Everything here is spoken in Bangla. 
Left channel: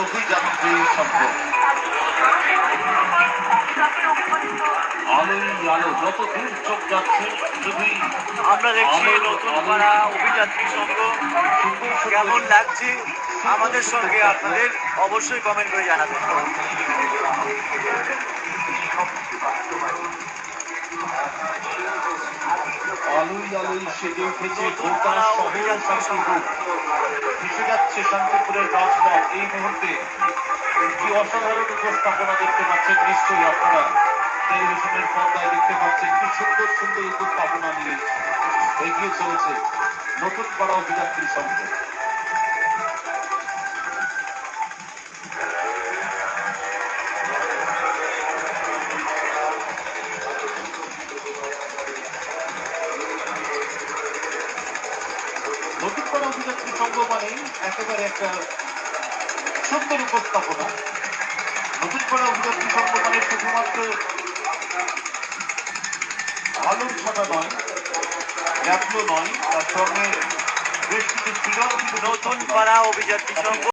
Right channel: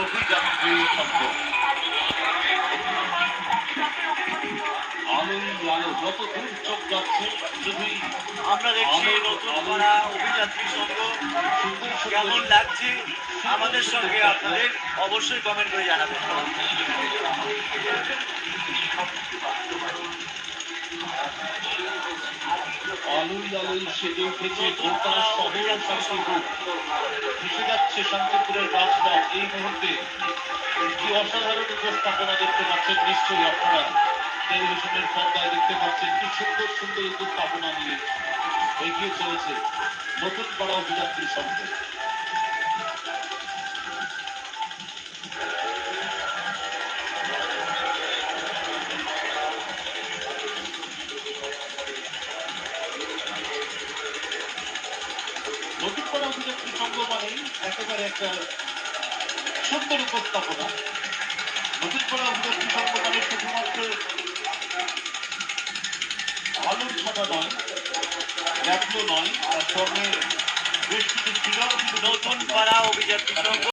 অভিযাত্রী সংঘ। আলোই আলো, যত দূর চোখ যাচ্ছে শুধুই আমরা দেখছি নতুন পাড়া অভিযাত্রী সংঘ। কেমন লাগছে আমাদের সঙ্গে আপনাদের অবশ্যই কমেন্ট করে জানাবেন। আলোই আলোই সেজে উঠেছে নতুন গোটা পাড়া শহর অভিযাত্রী সংঘ। শান্তিপুর। ভেসে যাচ্ছে শান্তিপুরের রাজপথ। এই মুহূর্তে কি অসাধারণ উপস্থাপনা দেখতে পাচ্ছেন নিশ্চয়ই আপনারা টেলিভিশনের পর্দায় দেখতে পাচ্ছেন। কি সুন্দর সুন্দর উপস্থাপনা নিয়ে এগিয়ে চলেছে নতুন পাড়া অভিযাত্রী সংঘ। নতুন পাড়া অভিযাত্রী সংঘ মানেই একেবারে একটা সুন্দর উপস্থাপনা। নতুন পাড়া অভিযাত্রী সংঘ মানে শুধুমাত্র আলোর ছটা নয়, জাতীয় নয়, তার সঙ্গে বেশ কিছু সৃজনশীল নতুন পাড়া অভিযাত্রী সংঘ।